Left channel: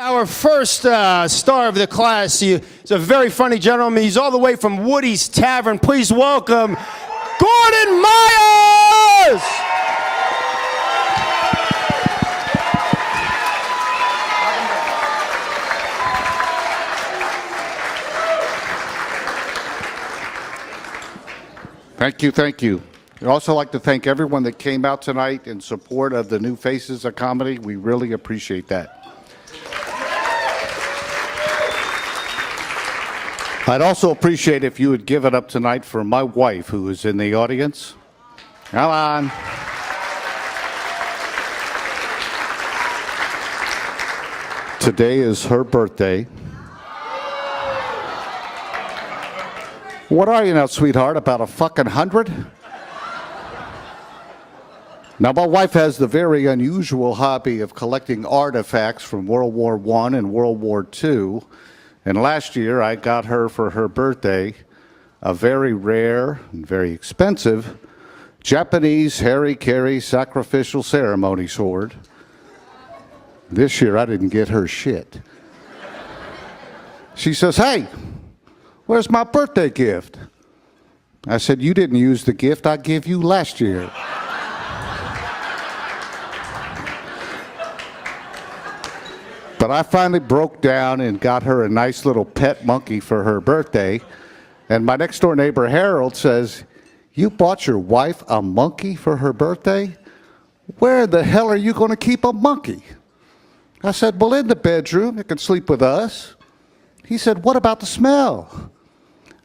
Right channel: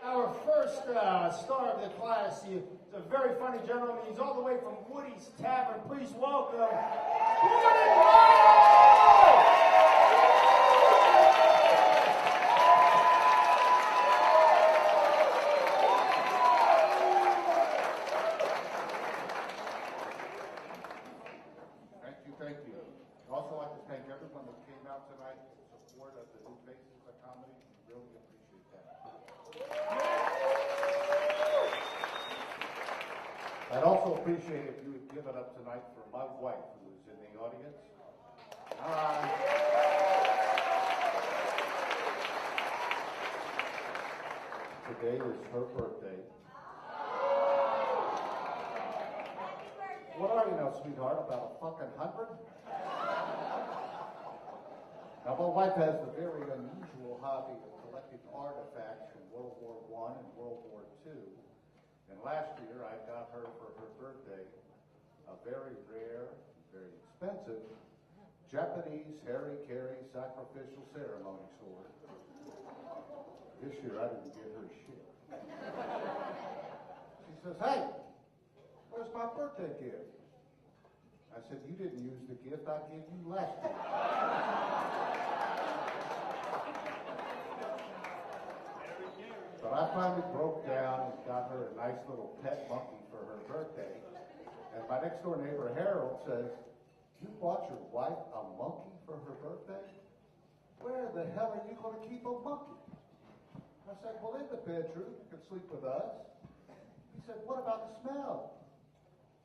Our first star of the class, he's a very funny gentleman. He's all the way from Woody's Tavern. Please welcome Gordon Meyers! Thank you, thank you. I'd also like to thank everyone that came out tonight in support of the New Faces of Comedy. We really appreciate that. I'd also appreciate if you would give it up tonight for my wife, who is in the audience. Come on. Today is her birthday. What are you now, sweetheart, about a fucking 100? Now, my wife has the very unusual hobby of collecting artifacts from World War I and World War II. And last year, I got her for her birthday a very rare and very expensive Japanese Harry-Carry sacrificial ceremony sword. This year, I didn't get her shit. She says, "Hey, where's my birthday gift?" I said, "You didn't use the gift I gave you last year." But I finally broke down and got her a nice little pet monkey for her birthday. And my next door neighbor, Harold, says, "You bought your wife a monkey for her birthday? Where the hell are you going to keep a monkey?" I said, "Well, in the bedroom. It can sleep with us." He said, "What about the smell?"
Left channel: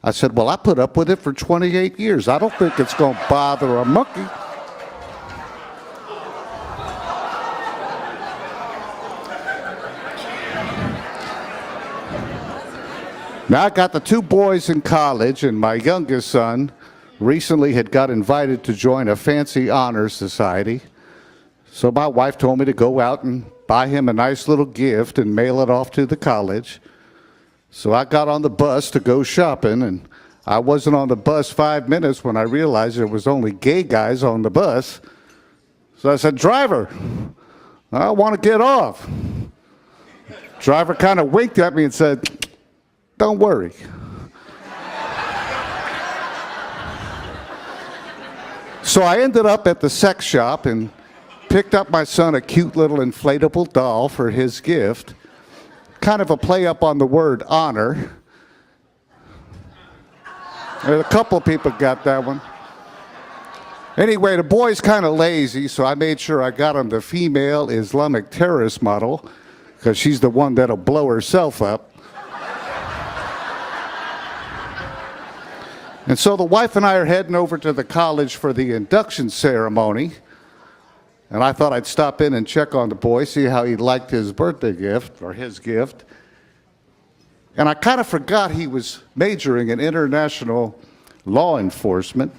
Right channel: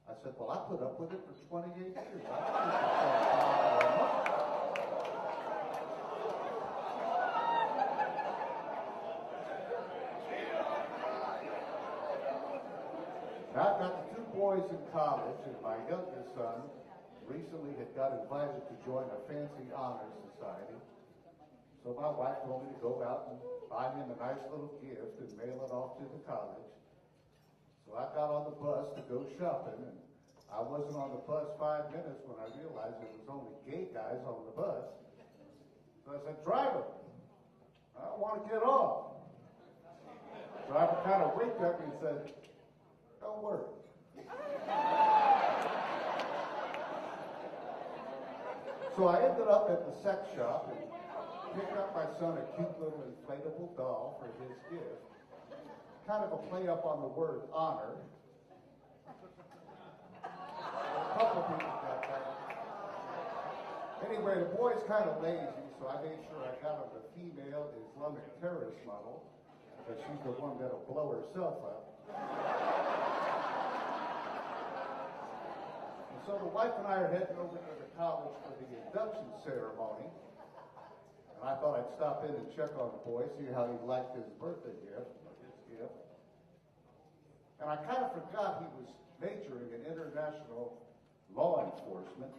I said, "Well, I put up with it for 28 years. I don't think it's going to bother a monkey." Now, I got the two boys in college, and my youngest son recently had got invited to join a fancy honor society. So my wife told me to go out and buy him a nice little gift and mail it off to the college. So I got on the bus to go shopping, and I wasn't on the bus 5 minutes when I realized there was only gay guys on the bus. So I said, "Driver, I want to get off." Driver kind of winked at me and said, "Don't worry." So I ended up at the sex shop and picked up my son a cute little inflatable doll for his gift. Kind of a play up on the word honor. And a couple of people got that one. Anyway, the boy's kind of lazy, so I made sure I got him the female Islamic terrorist model, because she's the one that'll blow herself up. And so the wife and I are heading over to the college for the induction ceremony. And I thought I'd stop in and check on the boy, see how he liked his birthday gift, or his gift. And I kind of forgot he was majoring in international law enforcement.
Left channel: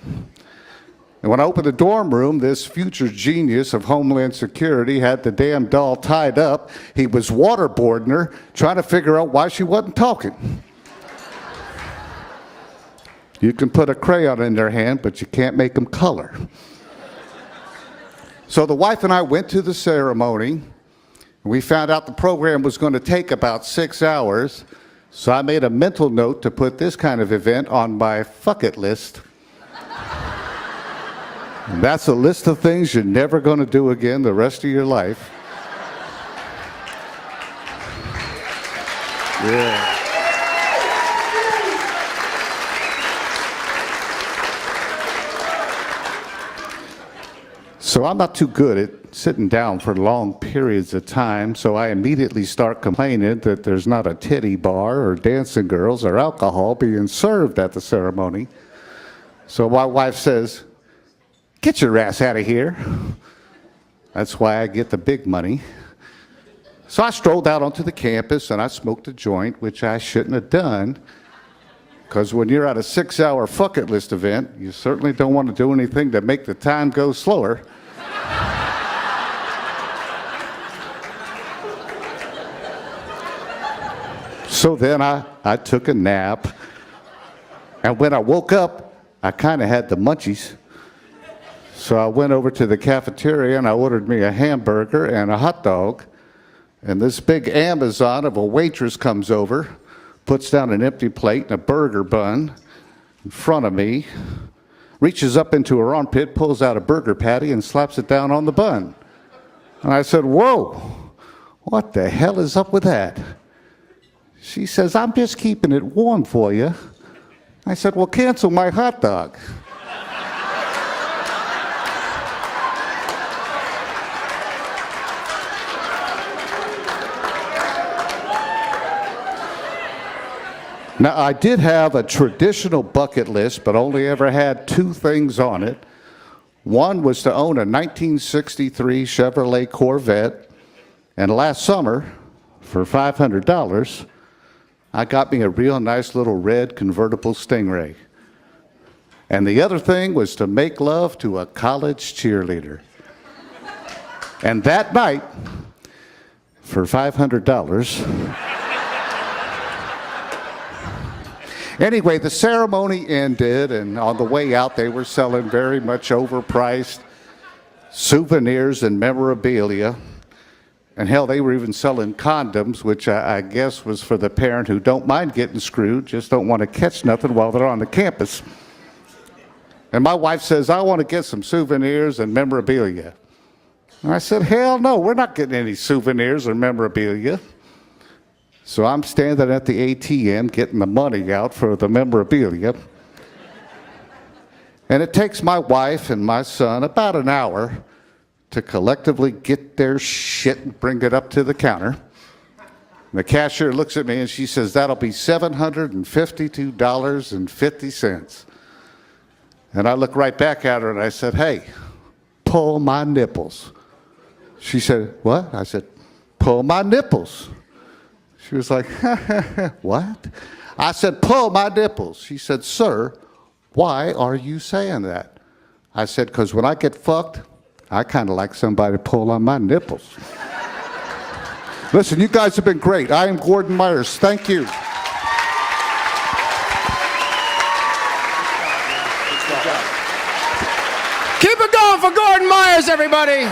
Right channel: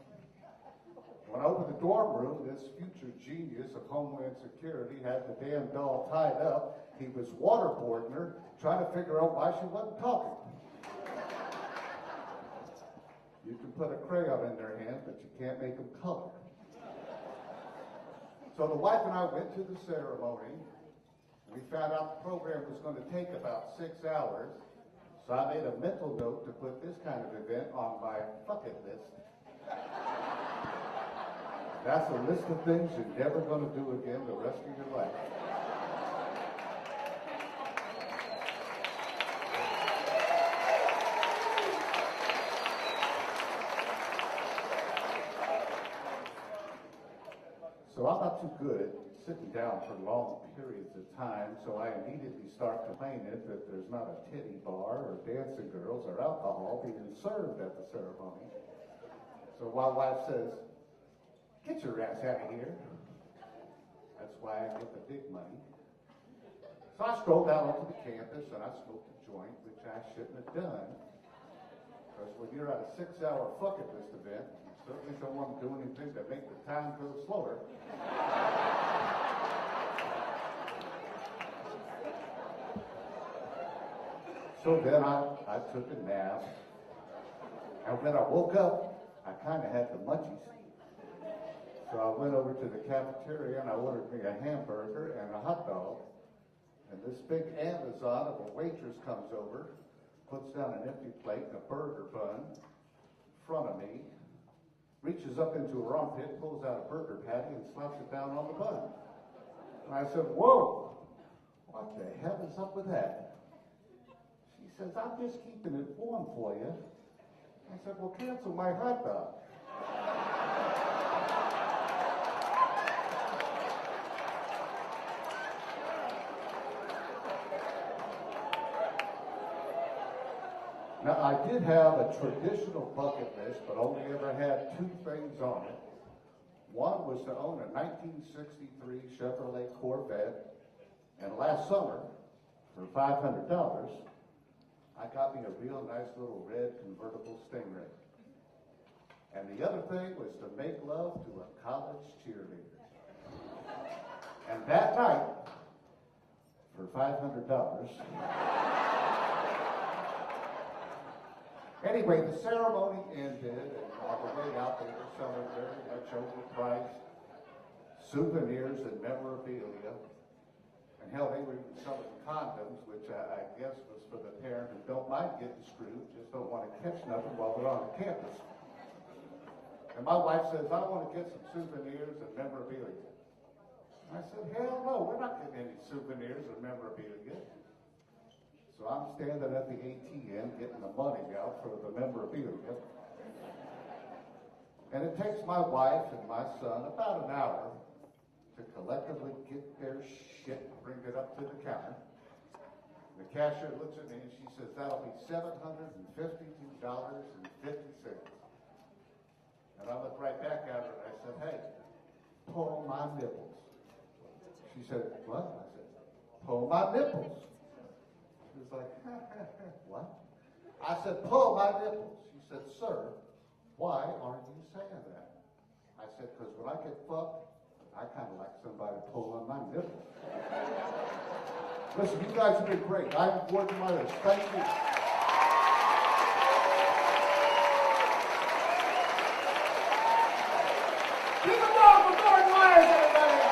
And when I opened the dorm room, this future genius of Homeland Security had the damn doll tied up. He was waterboarding her, trying to figure out why she wasn't talking. You can put a crayon in their hand, but you can't make them color. So the wife and I went to the ceremony, and we found out the program was going to take about 6 hours. So I made a mental note to put this kind of event on my fuck it list. And that's a list of things you're never going to do again the rest of your life. Yeah. So I'm not too good at sitting down for long periods of time, so I immediately start complaining that there's not a titty bar or dancing girls or alcohol being served at the ceremony. So my wife says, "Get your ass out of here." That's why I get the big money. So I strolled out onto the campus and I smoked a joint, which I shouldn't have done, because when you're at a 6-hour fuck it list event, you certainly don't want to do anything to make the time go slower. So then I took a nap, and when I woke up, I kind of had the munchies. So I went over to the cafeteria and I ordered me a hamburger and a hot dog. And this big Amazon of a waitress comes over, puts down an empty plate and a burger bun in front of me, reaches up into her armpit, pulls out a burger patty, and slaps it down on the bun. And I said, "Whoa, what the hell is up with that?" She says, "I'm just keeping it warm for you." I said, "Well, cancel my hot dog." Now, I did have a traditional bucket list, but only ever had two things on it. One was to own a 1963 Chevrolet Corvette, and last summer, for $500, I got me a real nice little red convertible Stingray. And the other thing was to make love to a college cheerleader. And that night, for $500, anyway, the ceremony ended, and on the way out, they were selling very much overpriced souvenirs and memorabilia. And hell, they were even selling condoms, which I guess was for the parent who don't mind getting screwed, just don't want to catch nothing while they're on the campus. And my wife says, "I want to get some souvenirs and memorabilia." And I said, "Hell no, we're not getting any souvenirs or memorabilia." So I'm standing at the ATM getting the money out for the memorabilia. And it takes my wife and my son about an hour to collectively get their shit and bring it up to the counter. And the cashier looks at me and she says, "That'll be $752.50. And I look right back at her and I said, "Hey, pull my nipples." She said, "What?" I said, "Pull my nipples." She was like, "What?" I said, "Pull my nipples." She said, "Sir, why are you saying that?" I said, "Because when I get fucked, I kind of like somebody to pull on my nipples." Listen, you guys have been great. I am Gordon Meyers. Thank you. Keep it going for Gordon Meyers, everybody.